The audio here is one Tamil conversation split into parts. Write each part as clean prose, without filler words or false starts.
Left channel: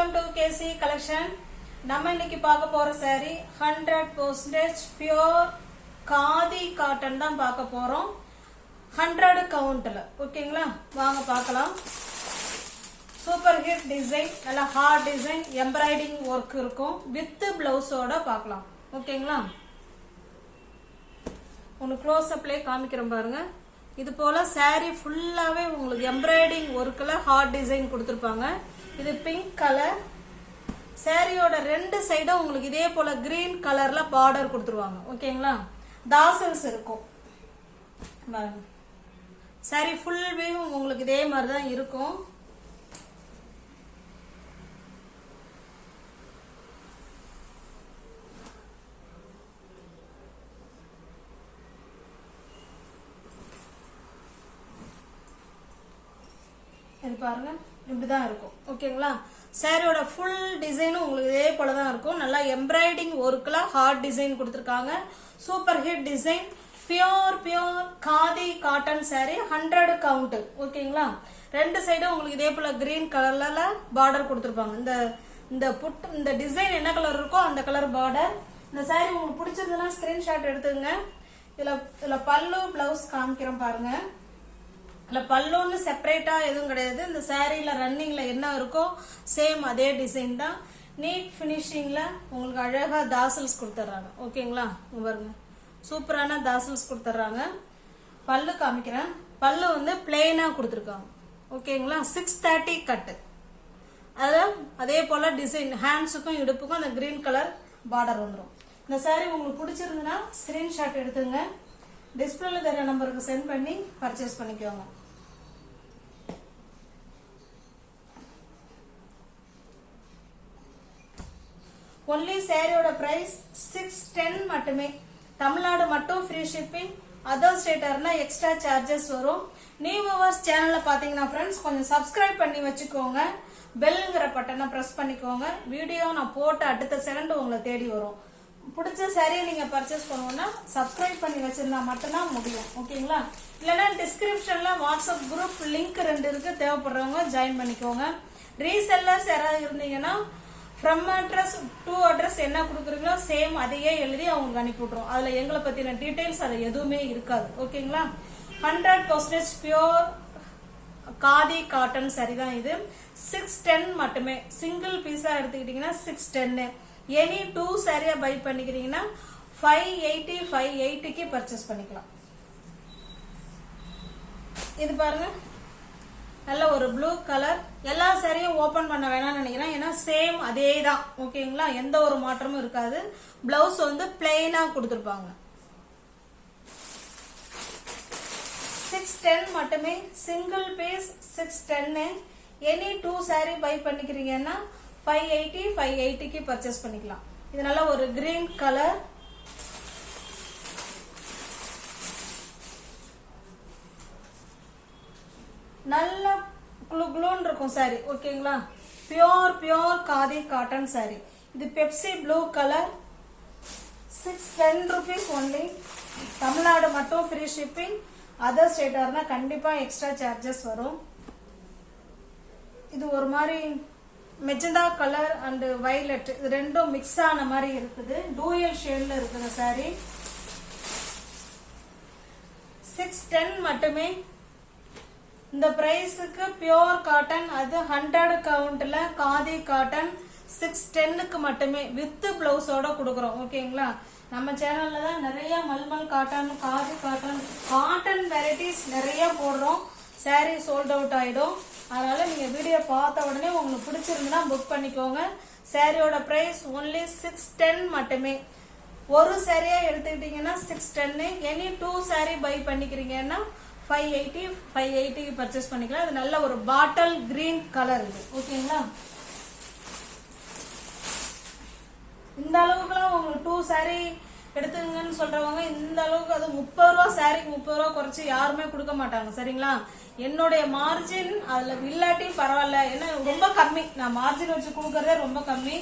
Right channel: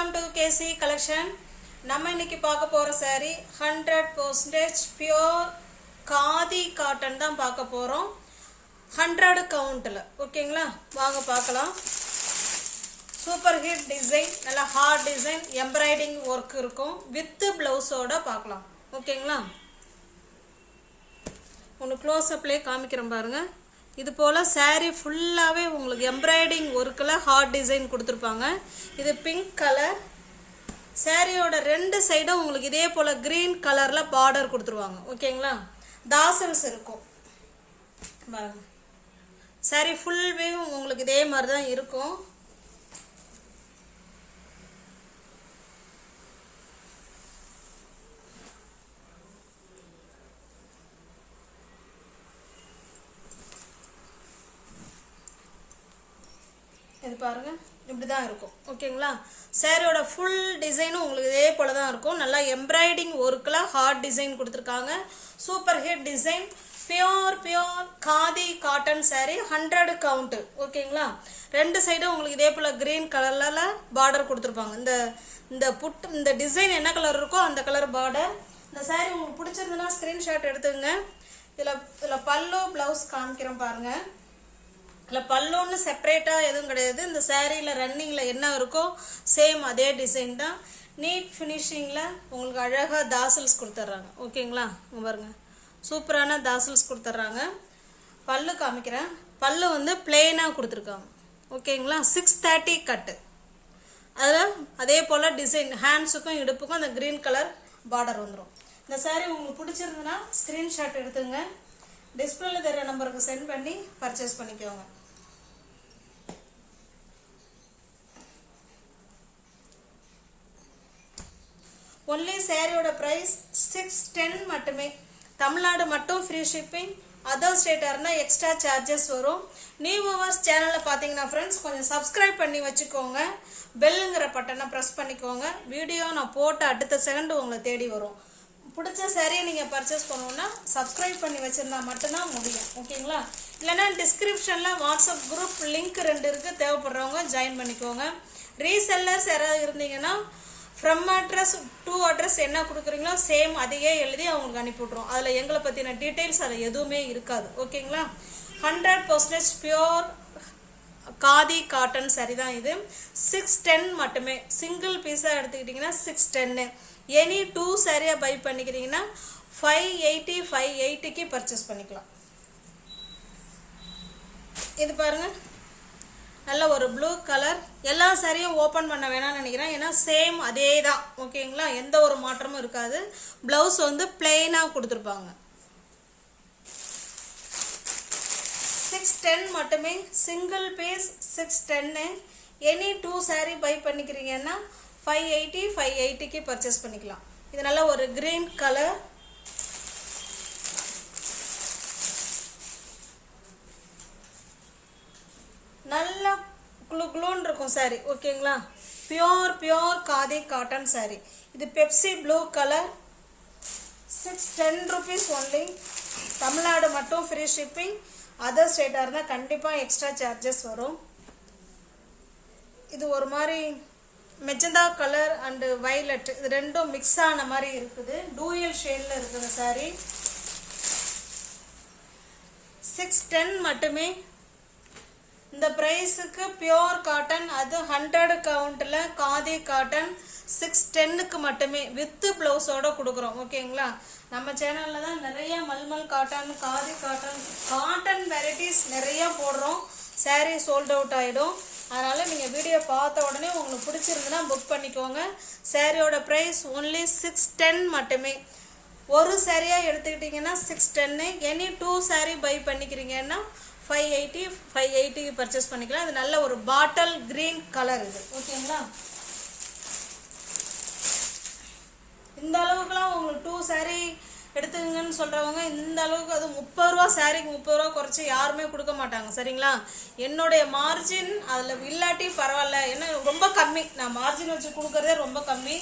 Welcome to KC collection. நம்ம இன்னைக்கு பார்க்க போற saree 100% pure காதி காட்டன் தான் பார்க்க போறோம். 100 கவுண்ட்ல ஓகேங்களா? வாங்க பார்க்கலாம். சூப்பர் ஹிட் டிசைன், நல்ல ஹார்ட் டிசைன், எம்ப்ராய்டிங் ஒர்க் இருக்கும் வித் பிளவுஸோட பார்க்கலாம். ஓகேங்களா? ஒன்னு க்ளோஸ் அப்லயே காமிக்கிறேன் பாருங்க. இது போல saree ஃபுல்லாவே உங்களுக்கு எம்ப்ராய்டிங் ஒர்க்ல ஹார்ட் டிசைன் கொடுத்திருப்பாங்க. இது பிங்க் கலர். சாரியோட ரெண்டு சைடும் உங்களுக்கு இதே போல கிரீன் கலர்ல பார்டர் கொடுத்துருவாங்க. ஓகேங்களா? தாசல்ஸ் இருக்கும் பாருங்க. saree ஃபுல் வியூ உங்களுக்கு இதே மாதிரி தான் இருக்கும். இது பாருங்க இப்படிதான் இருக்கும். ஓகேங்களா? சாரியோட ஃபுல் டிசைனும் உங்களுக்கு இதே போல தான் இருக்கும். நல்லா எம்ப்ராய்டிங் ஒர்க்ல ஹார்ட் டிசைன் கொடுத்துருக்காங்க. Super hit design, pure khadi cotton sorry, 100 count. ஓகேங்களா? ரெண்டு சைடும் உங்களுக்கு இதே போல கிரீன் கலர்ல பார்டர் கொடுத்துருப்பாங்க. இந்த டிசைன் என்ன கலர் இருக்கோ அந்த கலர் பார்டர். இந்த சாரி உங்களுக்கு பிடிச்சிருந்ததுன்னா ஸ்கிரீன்ஷாட் எடுத்துங்க. இதுல பல்லு பிளவுஸ் காமிக்கிறோம் பாருங்க. இல்ல பல்லுன்னு செப்பரேட்டா எதுவும் கிடையாது. இந்த சாரீல ரன்னிங்ல என்ன இருக்கோ சேம் அதே டிசைன் தான். நீட் ஃபினிஷிங்ல உங்களுக்கு அழகா தாசல்ஸ் கொடுத்துட்றாங்க. ஓகேங்களா? பாருங்க சூப்பரான தாசல்ஸ் கொடுத்துட்றாங்க. பல்லு காமிக்கிறேன். பல்லு வந்து பிளெயினா கொடுத்துருக்காங்க. ஓகேங்களா? 630 கட்டு. அதான் அதே போல டிசைன் ஹேண்ட்ஸுக்கும் இடுப்புக்கும் அந்த கிரீன் கலர் பார்டர் வந்துடும். இந்த சாரீ உங்களுக்கு பிடிச்சிருந்ததுன்னா ஸ்கிரீன்ஷாட் எடுத்துங்க. டிஸ்பிளேல தர நம்பருக்கு சென்ட் பண்ணி பர்ச்சேஸ் பண்ணிக்கோங்க. ஒன்லி சாரியோட பிரைஸ் 610 மட்டுமே. Tamil Nadu Nadu free shipping. Other ஸ்டேட்டா இருந்தா எக்ஸ்ட்ரா சார்ஜஸ் வரும். நியூ வியூவர்ஸ் சேனல்ல பாத்தீங்கன்னா ஃப்ரெண்ட்ஸ் கொஞ்சம் சப்ஸ்கிரைப் பண்ணி வச்சுக்கோங்க. பெல்லுங்கிற பட்டனை பிரஸ் பண்ணிக்கோங்க. வீடியோ நான் போட்ட அடுத்த செகண்ட் உங்களை தேடி வரும். பிடிச்ச சாரியை நீங்க பர்ச்சேஸ் பண்ணணும்னா சப்ஸ்கிரைப் பண்ணி வச்சிருந்தா மட்டும்தான் முடியும். ஓகேங்களா? இல்லைன்னா டிஸ்கிரிப்ஷன்ல வாட்ஸ்அப் குரூப் லிங்க் 2 இருக்கு. தேவைப்படுறவங்க ஜாயின் பண்ணிக்கோங்க. ரீசெல்லர்ஸ் யாராவது இருந்தீங்கன்னா ஃப்ரம் அட்ரஸ் டு அட்ரஸ் என்ன கொடுக்குறீங்களோ சேம் அதையே எழுதி அவங்களுக்கு அனுப்பி விட்ருவோம். அதில் எங்களை பற்றின டீட்டெயில்ஸ் அதில் எதுவுமே இருக்காது. ஓகேங்களா? 100% பியோர் காதி காட்டன் சாரி தான் இது. 610 மட்டுமே. சிங்கிள் பீஸாக எடுத்துக்கிட்டிங்கன்னா 610. எனி 2 சாரியா பை பண்ணிக்கிறீங்கன்னா 580க்கு பர்ச்சேஸ் பண்ணிக்கலாம். இது பாருங்க நல்ல ஒரு ப்ளூ கலர். எல்லா சாரியும் ஓபன் பண்ண வேணாம்னு நினைக்கிறேன். ஏன்னா சேம் அதே தான். ஓகேங்களா? எந்த ஒரு மாற்றமும் இருக்காது. பிளவுஸ் வந்து பிளெயினா கொடுத்துருப்பாங்க. 610 மட்டுமே. Single piece 610. Any 2 sari buy பண்ணிக்கிறீங்கன்னா 580க்கு பர்ச்சேஸ் பண்ணிக்கலாம். இது நல்ல ஒரு கிரீன் கலர். நல்லா குளூன்னு இருக்கும் சாரி. ஓகேங்களா? Pure khadi cotton sari. இது Pepsi blue colour. 610 rupees only. Tamil Nadu free shipping. Other ஸ்டேட்டா இருந்தா கண்டிப்பா எக்ஸ்ட்ரா சார்ஜஸ் வரும். இது ஒரு மாதிரி மெஜந்தா கலர் அண்ட் வயலட், இது ரெண்டும் மிக்ஸ் ஆன மாதிரி இருக்குது. டூயல் ஷேட்ல இருக்குது சாரி. 610 மட்டுமே. இந்த பிரைஸுக்கு பியோர் காட்டன், அது 100 கவுண்ட்ல காதி காட்டன் 610க்கு மட்டுமே வித் பிளவுஸோட கொடுக்குறோம். ஓகேங்களா? நம்ம சேனல்ல தான் நிறைய mulmul cotton, khadi cotton varieties நிறைய போடுறோம். சாரி சோல்ட் அவுட் ஆயிடும். அதனால நீங்க வீடியோ பார்த்த உடனே உங்களுக்கு பிடிச்சிருந்தா புக் பண்ணிக்கோங்க. சாரியோட பிரைஸ் ஒன்லி 610 மட்டுமே. ஒரு சாரியா எடுத்துக்கிட்டீங்கன்னா 610. எனி 2 சாரி பை பண்ணிக்கிறீங்கன்னா 580க்கு பர்ச்சேஸ் பண்ணிக்கலாம். இது நல்ல ஒரு பாட்டில் கிரீன் கலர் இது. ஓகேங்களா? இந்த அளவுக்குலாம் உங்களுக்கு 2 சாரி எடுத்துங்கன்னு சொல்றவங்க இந்த அளவுக்கு, அது 30 ரூபா சாரிக்கு 30 ரூபா குறைச்சி யாருமே கொடுக்க மாட்டாங்க. சரிங்களா? என்னுடைய மார்ஜின் அதுல இல்லாட்டி பரவாயில்ல. ஏன்னா ரொம்ப கம்மி. நான் மார்ஜின் வச்சு கொடுக்கறதே ரொம்ப கம்மி.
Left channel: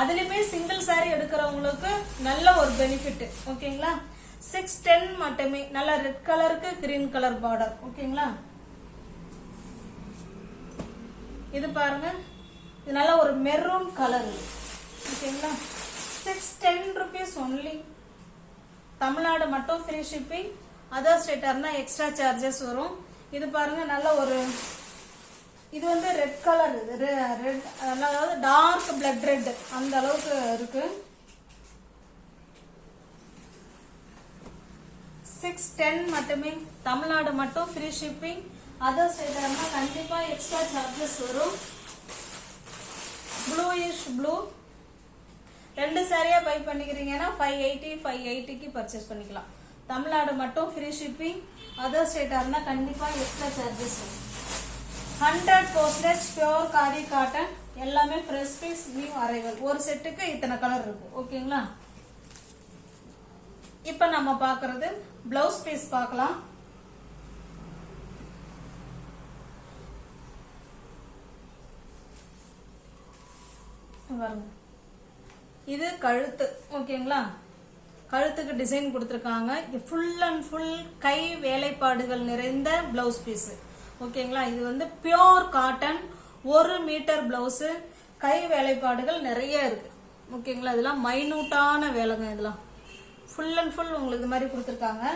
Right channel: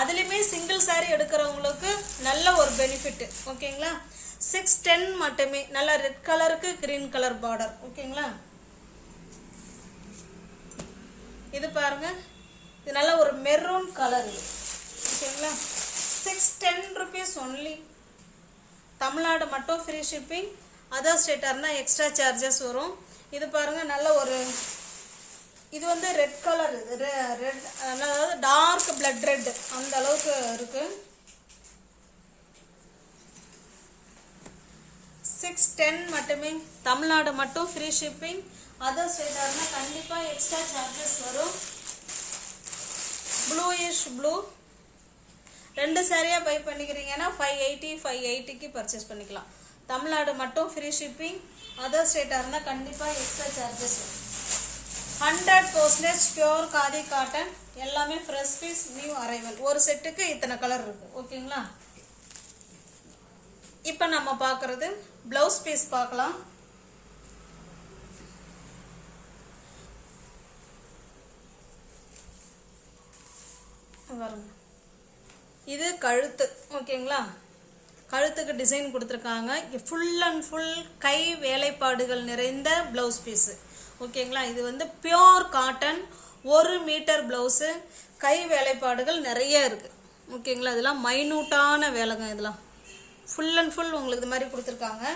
அதுலயுமே சிங்கிள் சாரி எடுக்கிறவங்களுக்கு நல்ல ஒரு பெனிஃபிட். ஓகேங்களா? 610 மட்டுமே. நல்ல ரெட் கலருக்கு கிரீன் கலர் பார்டர். ஓகேங்களா? இது பாருங்க, இது நல்ல ஒரு மெரூன் கலர். ஓகேங்களா, 610 rupees only. Tamil Nadu free shipping. Other ஸ்டேட்டாக இருந்தால் எக்ஸ்ட்ரா சார்ஜஸ் வரும். இது பாருங்க, நல்ல ஒரு இது வந்து ரெட் கலர். இது ரெட், அதாவது டார்க் பிளட் ரெட் அந்த அளவுக்கு இருக்கு. 610 மட்டுமே. Tamil Nadu Nadu free shipping. Other ஸ்டேட்டாக இருந்தால் கண்டிப்பாக எக்ஸ்ட்ரா சார்ஜஸ் வரும். Bluish blue. 2 சாரியாக பை பண்ணிக்கிறீங்கன்னா 580க்கு பர்ச்சேஸ் பண்ணிக்கலாம். Tamil Nadu Nadu free shipping. Other ஸ்டேட்டாக இருந்தால் கண்டிப்பாக எக்ஸ்ட்ரா சார்ஜஸ் வரும். 100% பியூர் காதி காட்டன். எல்லாமே ஃப்ரெஷ் பீஸ், நியூ அரைவல். ஒரு செட்டுக்கு இத்தனை கலர் இருக்கு. ஓகேங்களா, இப்போ நம்ம பார்க்கறது பிளவுஸ் பீஸ் பார்க்கலாம். இது கழுத்து. ஓகேங்களா, கழுத்துக்கு டிசைன் கொடுத்துருக்காங்க. ஃபுல் அண்ட் ஃபுல் கை வேலைப்பாடுகள் நிறைந்த பிளவுஸ் பீஸு. ஓகேங்களா, இது வந்து பியோர் காட்டன் 1 மீட்டர் பிளவுஸு. கை வேலைப்பாடுகள் நிறைய இருக்கு. ஓகேங்களா, இதெல்லாம் மைனூட்டான வேலைங்க. இதெல்லாம் ஃபுல் அண்ட் ஃபுல் உங்களுக்கு இது மாதிரி கொடுத்துருக்காங்க.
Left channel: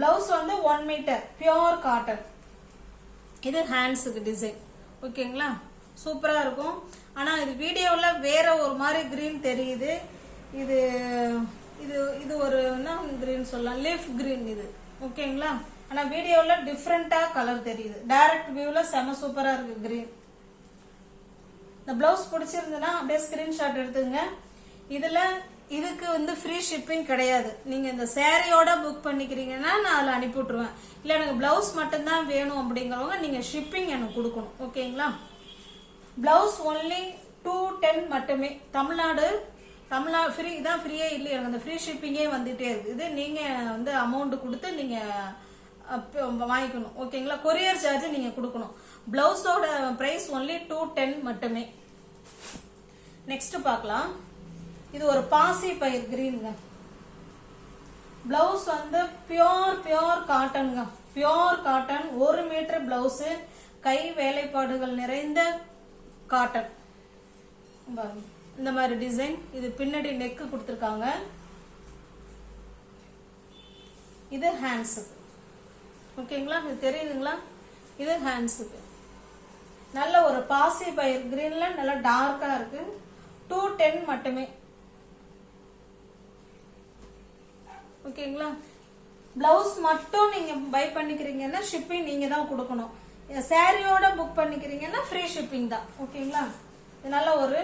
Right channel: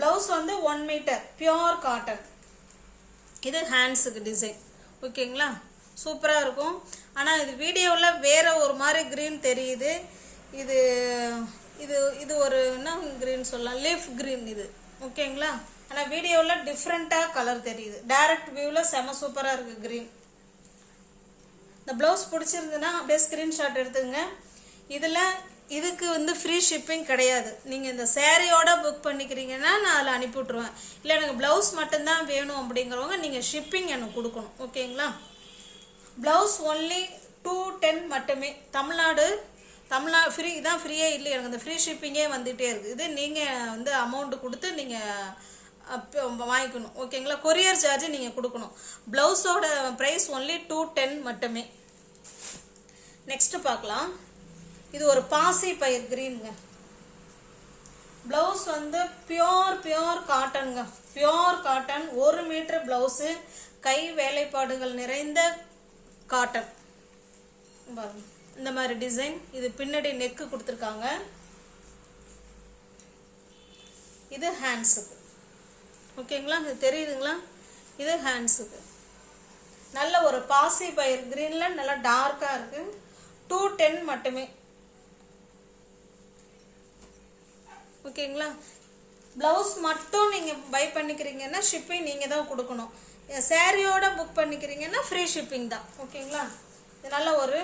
பிளவுஸ் வந்து 1 மீட்டர் பியோர் காட்டன். இது ஹேண்ட்ஸுக்கு டிசைன். ஓகேங்களா, சூப்பராக இருக்கும். ஆனால் இது வீடியோவில் வேற ஒரு மாதிரி க்ரீன் தெரியுது. இது இது இது ஒரு என்ன க்ரீன் சொல்லலாம், லீஃப் க்ரீன் இது. ஓகேங்களா, ஆனால் வீடியோவில் டிஃப்ரெண்ட்டாக கலர் தெரியுது. டைரக்ட் வியூவில் செம சூப்பராக இருக்குது க்ரீன். இந்த ப்ளவுஸ் பிடிச்சிருந்துன்னா அப்படியே ஸ்க்ரீன்ஷாட் எடுத்துங்க. இதில் இதுக்கு வந்து ஃப்ரீ ஷிப்பிங் கிடையாது. நீங்கள் இந்த சேரீயோட புக் பண்ணிக்கிறீங்கன்னா நான் அதில் அனுப்பி விட்ருவேன். இல்லை எனக்கு ப்ளவுஸ் மட்டும்தான் வேணும் அப்படிங்கிறவங்க நீங்கள் ஷிப்பிங் எனக்கு கொடுக்கணும். ஓகேங்களா, ப்ளவுஸ் ஒன்லி 210 மட்டுமே. தமிழ்நாடு ஃப்ரீ தான். ஃப்ரீயே இல்லை, எனக்கு இந்த ஃப்ரீ ஷிப்பிங்கே வந்துகிட்டே இருக்குது. இது நீங்கள் வந்து அமௌண்ட்டு கொடுத்து நீங்கள் வாங்கிக்கணும். ஓகேங்களா, கொரியர் சார்ஜ் நீங்கள் கொடுக்கணும். ப்ளவுஸோட ப்ரைஸ் ஒன்லி 210 மட்டுமே. நெக்ஸ்ட் பார்க்கலாம். இது ஒரு பாசி பயிர் கிரீனுங்க. பிளவுஸ் வந்து பியோர் காட்டனுங்க. Pure cotton 1 metre blouse. கை வேலைப்பாடுகள் நிறைந்த காட்டன். இந்த மாதிரி டிசைன். இது பின்னாடி நெக்கு கொடுத்துருக்காங்க. இது ஹேண்ட்ஸுக்கு. ஓகேங்களா, இது தெரியுதுங்களா? இது ஹேண்ட்ஸுக்கு. நல்ல ஒரு பாசி பயிர் கிரீன்ல நல்லா டார்க்கா இருக்கு. 210 மட்டுமே. ஓகேங்களா, பிளவுஸ் மட்டும் நீங்க பை பண்ணிக்கிறீங்கன்னா ஷிப்பிங் நீங்க தான் கொடுக்கணும். சாரியோட புக் பண்ணிக்கிறீங்கன்னா ஃப்ரீ ஷிப்பிங் தான். ஓகேங்களா, இது நல்ல ஒரு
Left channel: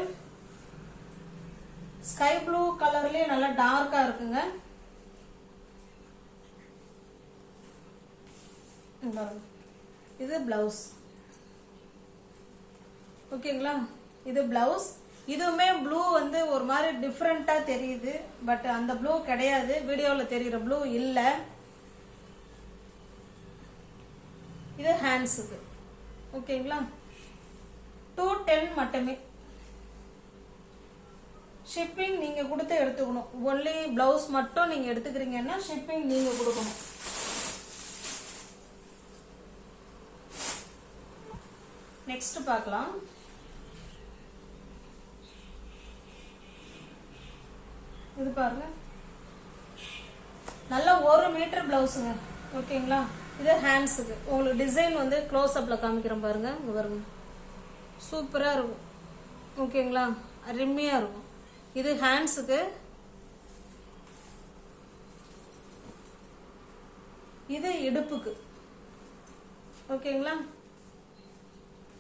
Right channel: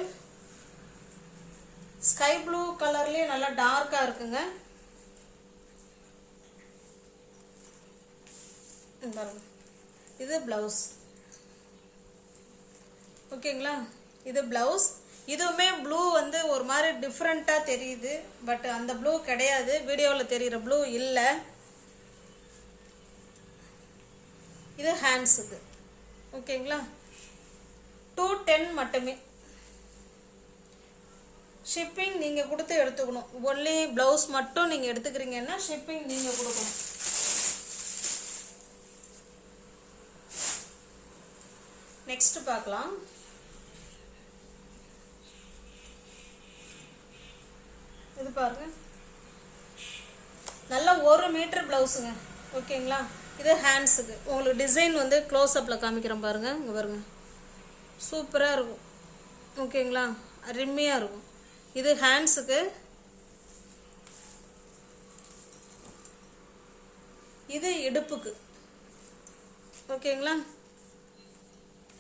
ஸ்கை ப்ளூ கலர்லயே நல்லா டார்க்கா இருக்குங்க. இது பிளவுஸ். ஓகேங்களா, இது பிளவுஸ். இதுவுமே ப்ளூ வந்து ஒரு மாதிரி டிஃப்ரெண்டா தெரியுது. பட் அந்த ப்ளூ கிடையாது, வீடியோவில் தெரியுற ப்ளூ இல்லை. இது ஹேண்ட்ஸுக்கு. ஓகேங்களா, 210 மட்டுமே. ஷிப்பிங் நீங்க கொடுத்து எடுத்துக்கணும். ஒன்லி பிளவுஸ் மட்டும் நீங்க எடுத்துக்கிறீங்கன்னா ஷிப்பிங் நீங்க கொடுக்கணும். நெக்ஸ்ட் பார்க்கலாம். இது பாருங்க, நல்ல 1 மீட்டர் பிளவுஸுங்க. ஓகேங்களா, இது ஹேண்ட்ஸுக்கு. உங்களுக்கு டிசைன் வந்து க்ளோஸ் அப்ல காமிக்கிறேன் பாருங்க. இங்க பாருங்க, சூப்பரா இருக்கும். ஓகேங்களா, அருமையா இருக்கும். இது ஹேண்ட்ஸுக்கு. இது இடுப்புக்கு. ஓகேங்களா,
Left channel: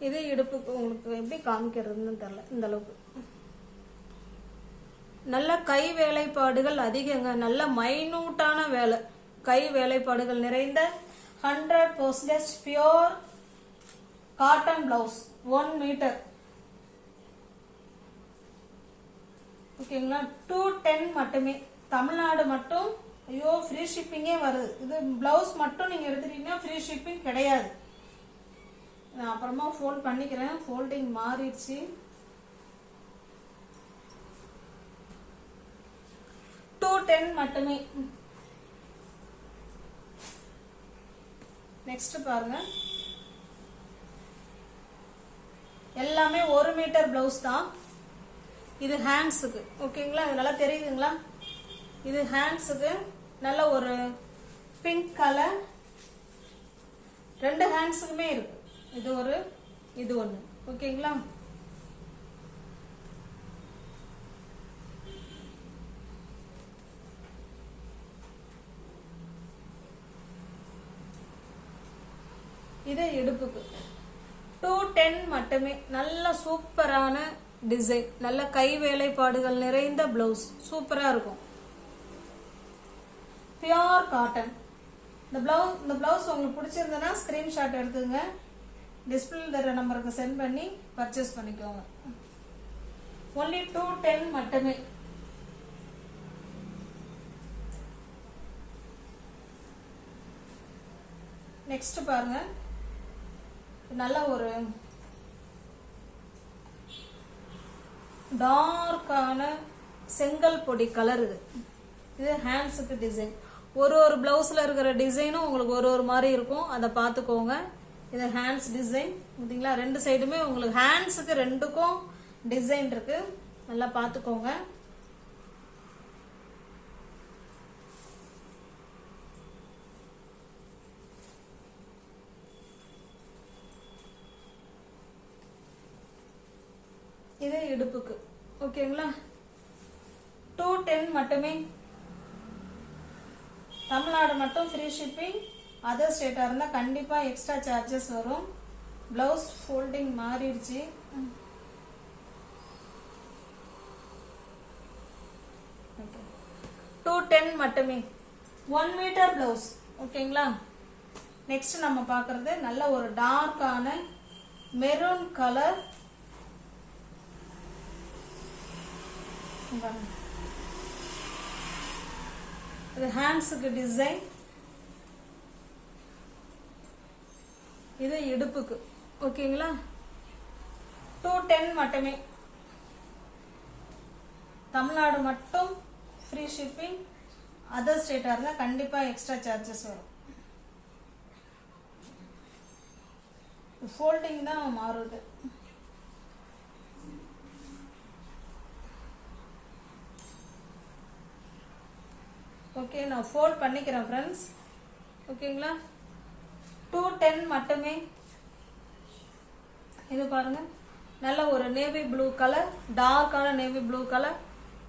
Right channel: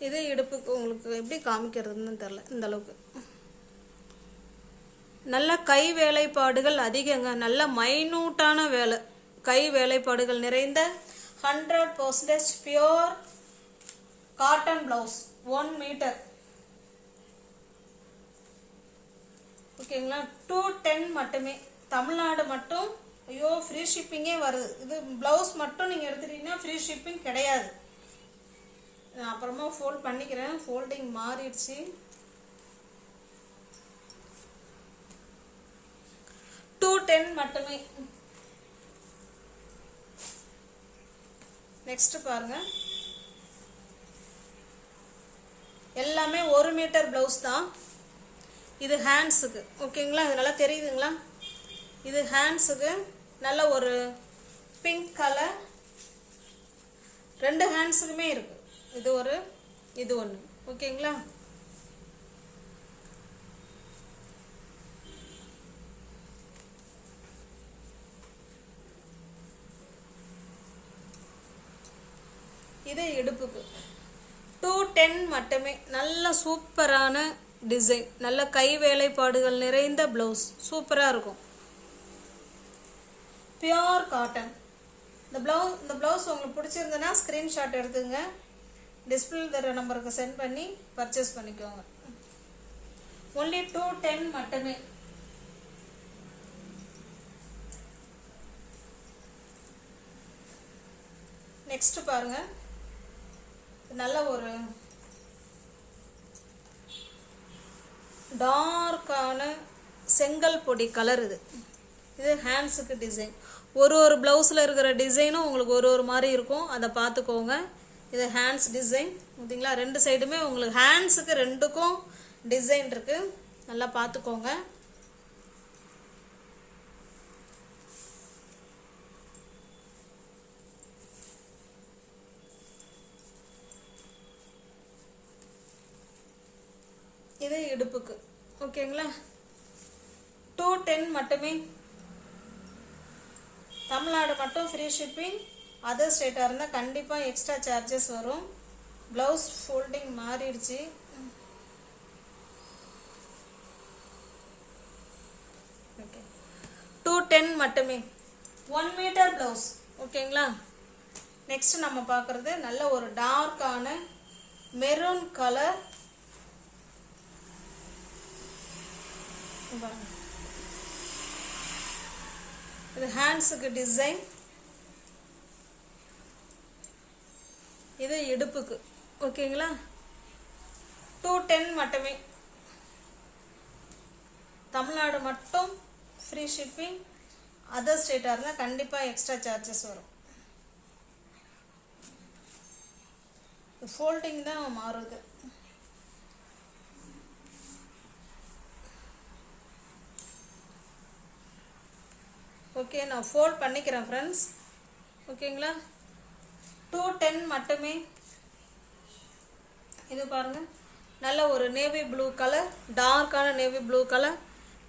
இது இடுப்புக்கு. உங்களுக்கு எப்படி காமிக்கிறதுன்னு தெரியல, இந்த அளவுக்கு. நல்ல கை வேலைப்பாடுகள் அதிகங்க. நல்ல மைனூட்டான வேலை. கை வேலைப்பாடுகள் நிறைந்த 100% பியோர் காட்டன் பிளவுஸ் 1 மீட்டர். ஓகேங்களா, 210 மட்டுமே. தமிழ்நாடு மட்டும். ஐயோ, ஃப்ரீ ஷிப்பிங்கே வருது. இது பிளவுஸ் மட்டும் நீங்க எடுத்துட்டீங்கன்னா ஃப்ரீ ஷிப்பிங் கிடையாது. நான் அப்புறமா ஃபோல்ட் பண்ணிக்கிறேன். ஃபோல்டிங் மாறிடுச்சு. 210 மட்டுமே. நெக்ஸ்ட் பாருங்க, எல்லாமே 1 மீட்டர் பிளவுஸ் தான். இது ஹேண்ட்ஸுக்கு. ஓகேங்களா, இது நல்லா தெரியுதுங்களா? இது ஹேண்ட்ஸுக்கு நல்ல ஒரு பிங்க் கலர், 2 ஹேண்ட்ஸுக்குமே இருக்கு. இது ஒரு, இது ஒன்று. ஓகேங்களா, இது இடுப்புக்கு 210 மட்டுமே. நல்ல சூப்பரான டிசைன், நல்ல கை வேலைப்பாடுகள் நிறைந்த பிளவுஸ், சூப்பரா இருக்கும். Pure cotton. இந்த பிளவுஸ் உங்களுக்கு பிடிச்சிருந்ததுன்னா ஸ்கிரீன்ஷாட் எடுத்துங்க, டிஸ்பிளே தர நம்பருக்கு சென்ட் பண்ணி பர்ச்சேஸ் பண்ணிக்கோங்க. ஒன்லி 210 மட்டுமே. நெக்ஸ்ட் பாருங்க, நல்ல ஒரு டார்க்கான செங்கல் பொடி கலர். இது ஹேண்ட்ஸுக்கு டிசைன். ஒரு பிளவுஸில் இருக்கிற டிசைனும் உங்களுக்கு ஒரு மாதிரி இருக்கும், அதை பார்த்துக்கோங்க. இது ஹேண்ட்ஸ் டிசைன். பார்த்தீங்களா, 2 சைடுமே உங்களுக்கு ஹேண்ட்ஸுக்கு 2க்கும் டிசைன் இருக்கு, நல்லா பார்த்துக்கோங்க. இது இடுப்புக்கு. ஓகேங்களா, 210 மட்டுமே. Tamil Nadu Nadu free shipping. Other ஸ்டேட்டாக இருந்தால் கண்டிப்பாக எக்ஸ்ட்ரா சார்ஜஸ் வரும். ப்ளவுஸ் ஃபோல்டிங் மாறிடுச்சு. ஓகே, 210 மட்டுமே. 1 மீட்டர் ப்ளவுஸ். ஓகேங்களா, நெக்ஸ்ட் நம்ம பார்க்குறது நல்ல ஒரு டார்க்கான மெரூன் கலர். இது ஹேண்ட்ஸுக்கு டிசைன், இது இடுப்புக்கு. ஓகேங்களா, 210 மட்டுமே. Tamil Nadu Nadu free shipping. Other ஸ்டேட்டாக இருந்தால் கண்டிப்பாக எக்ஸ்ட்ரா சார்ஜஸ் வரும். ஃபோல்டிங் தான் மாறுது. ஓகே, நான் ஃபோல்ட் பண்ணிக்கிறேன் ஃப்ரெண்ட்ஸ். ஓகேங்களா, 210 மட்டுமே. இது பாருங்க, நல்ல ஒரு நேவி ப்ளூ கலர், டார்க்கான நேவி ப்ளூ கலர்.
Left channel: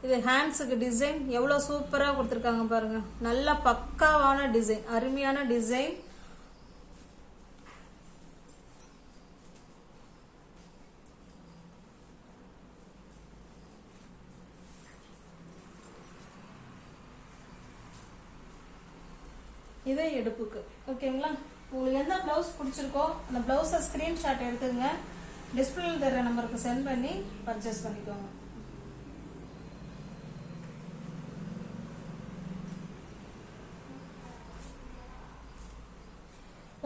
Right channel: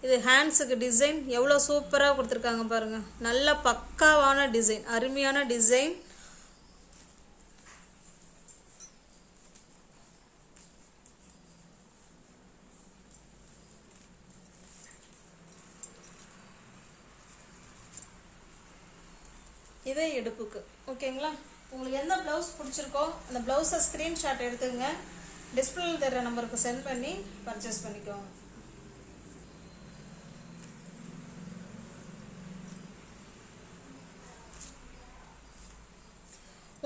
இது ஹேண்ட்ஸுக்கு டிசைன் எவ்வளோ சூப்பராக கொடுத்துருக்காங்க பாருங்க. நல்ல பக்காவான டிசைன், அருமையான டிசைன். இதே இடுப்புக்கு. ஓகேங்களா, உங்களுக்கு எந்த பிளவுஸ் பிடிச்சிருக்கோ அந்த பிளவுஸை ஸ்கிரீன்ஷாட் எடுத்துங்க, டிஸ்பிளே தர நம்பருக்கு சென்ட் பண்ணி பர்ச்சேஸ் பண்ணிக்கோங்க.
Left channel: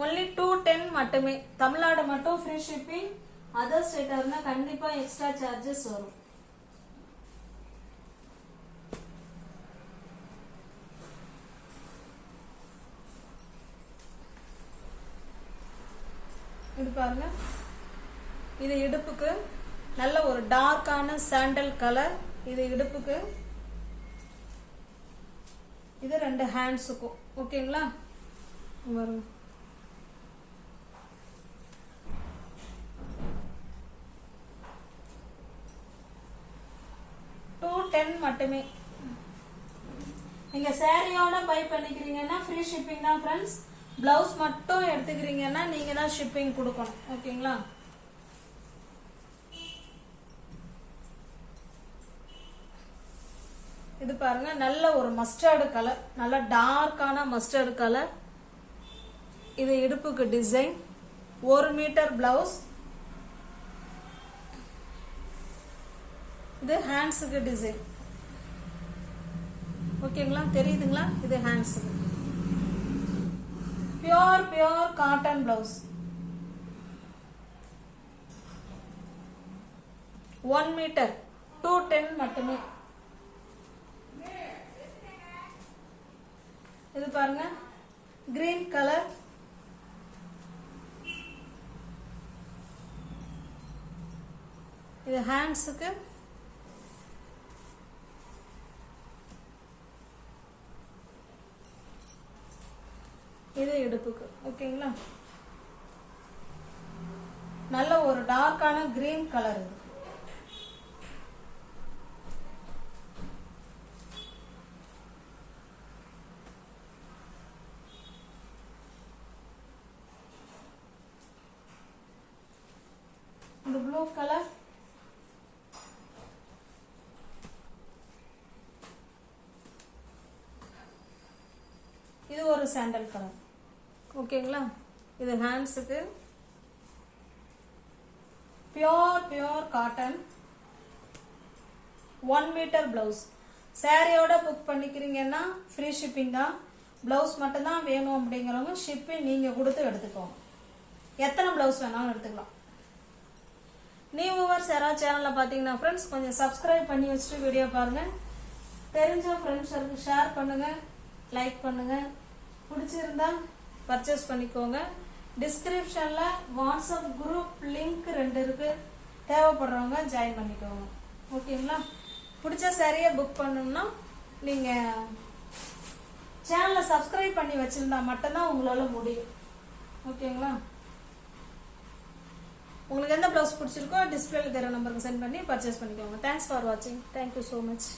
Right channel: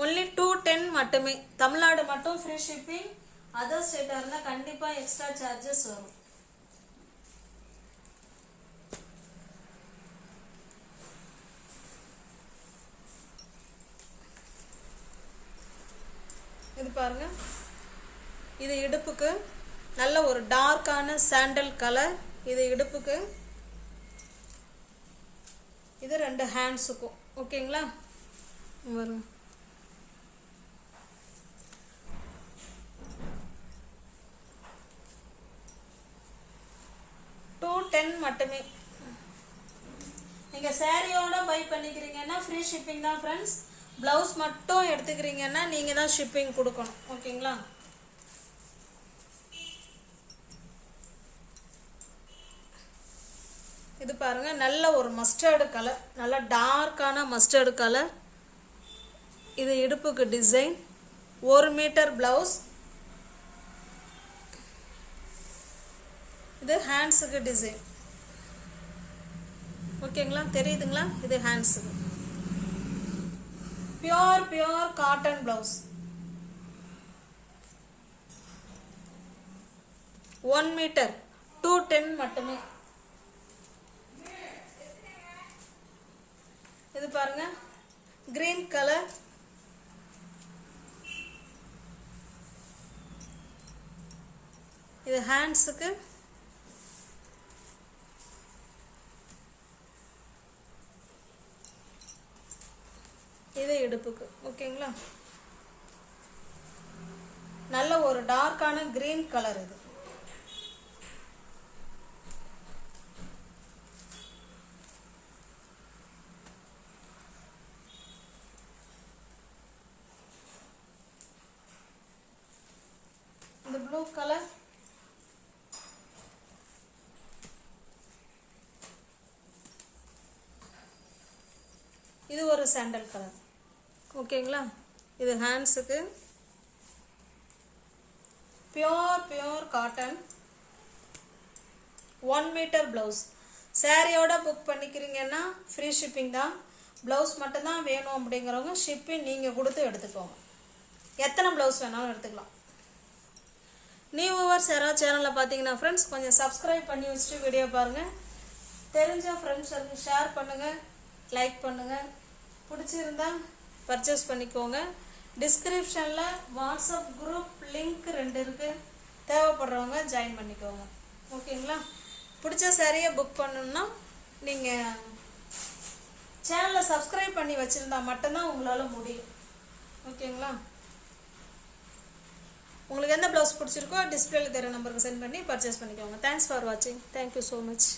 ஒன்லி 210 மட்டுமே. Tamil Nadu Nadu free shipping. Other ஸ்டேட்டாக இருந்தால் கண்டிப்பாக எக்ஸ்ட்ரா சார்ஜஸ் வரும். இது பாருங்க, இது இடுப்புக்கு நல்ல ஒரு டார்க்கான சாண்டல் கலர். இது இடுப்புக்கு, இது 2 ஹேண்ட்ஸுக்கும். ஓகேங்களா, 210 மட்டுமே. நீங்க சாரியோட பை பண்ணிக்கிறீங்கன்னா ஃப்ரீ ஷிப்பிங் தான் ஃப்ரெண்ட்ஸ். பிளவுஸ் மட்டும் எடுத்துக்கிறீங்கன்னா நீங்க தான் ஷிப்பிங் கொடுக்கணும். ஓகேங்களா, இது பாருங்க, நல்ல ஒரு மஸ்டர்டு கலர், நல்ல டார்க்கான மஸ்டர்டு கலர். இது இடுப்புக்கு டிசைன், 1 மீட்டர் பிளவுஸ். இது ஹேண்ட்ஸுக்கு டிசைன். ஓகேங்களா, தெரியுதுங்களா? இது ஹேண்ட்ஸுக்கு பியோர் காட்டன் பிளவுஸ். 1 மீட்டர் 210 மட்டுமே. இது பாருங்க, கிரீன் கலர், இது ஹேண்ட்ஸுக்கு, இது இடுப்புக்கு. ஓகேங்களா? நல்ல ஒரு டார்க்கான கிரீன் கலர் இது. இந்த ப்ளூ கலர், இது ஒரு சாண்டல் கலர். ஓகேங்களா? இது ஹேண்ட்ஸுக்கு பியோர் காட்டன் 1 மீட்டர் பிளவுஸ். சாரியோட புக் பண்ணிக்கிறீங்கன்னா ஃப்ரீ ஷிப்பிங் தான். பிளவுஸ் மட்டும் தான் வேணும் அப்படிங்கிறவங்க ஷிப்பிங் நீங்கள் கொடுத்து எடுத்துக்கோங்க. எத்தனை பிளவுஸ் வேணாலும் எடுத்துக்கலாம். நியூ வியூவர்ஸ் யாராவது சேனலில் பார்த்தீங்கன்னா ஃப்ரெண்ட்ஸ் கொஞ்சம் சப்ஸ்கிரைப் பண்ணி வச்சுட்டு வீடியோ பாருங்கள். தெரிஞ்ச ஃப்ரெண்ட்ஸுக்கு ஷேர் பண்ணுங்கள், லைக் பண்ணுங்கள். பிடிச்சிருந்தா பர்ச்சேஸ் பண்ணிக்கோங்க. டிஸ்கிரிப்ஷனில் வாட்ஸ்அப் குரூப் லிங்க் 2 இருக்குது. தேவைப்படுறவங்க ஜாயின் பண்ணிக்கோங்க. ஓகேங்களா? பிடிச்ச சாரியை புக் பண்ணணும்னா நீங்கள் சேனலை சப்ஸ்கிரைப் பண்ணி வச்சுருந்தா மட்டும்தான் உங்களால் முடியும். ஓகேங்களா? உங்களுக்கு எந்த ப்ளவுஸ் பிடிச்சிருக்கோ டிஸ்பிளேல தெரிய நம்பருக்கு சென்ட் பண்ணி பர்ச்சேஸ் பண்ணிக்கோங்க. தேங்க்ஸ் ஃபார் வாட்சிங். Thank you so much.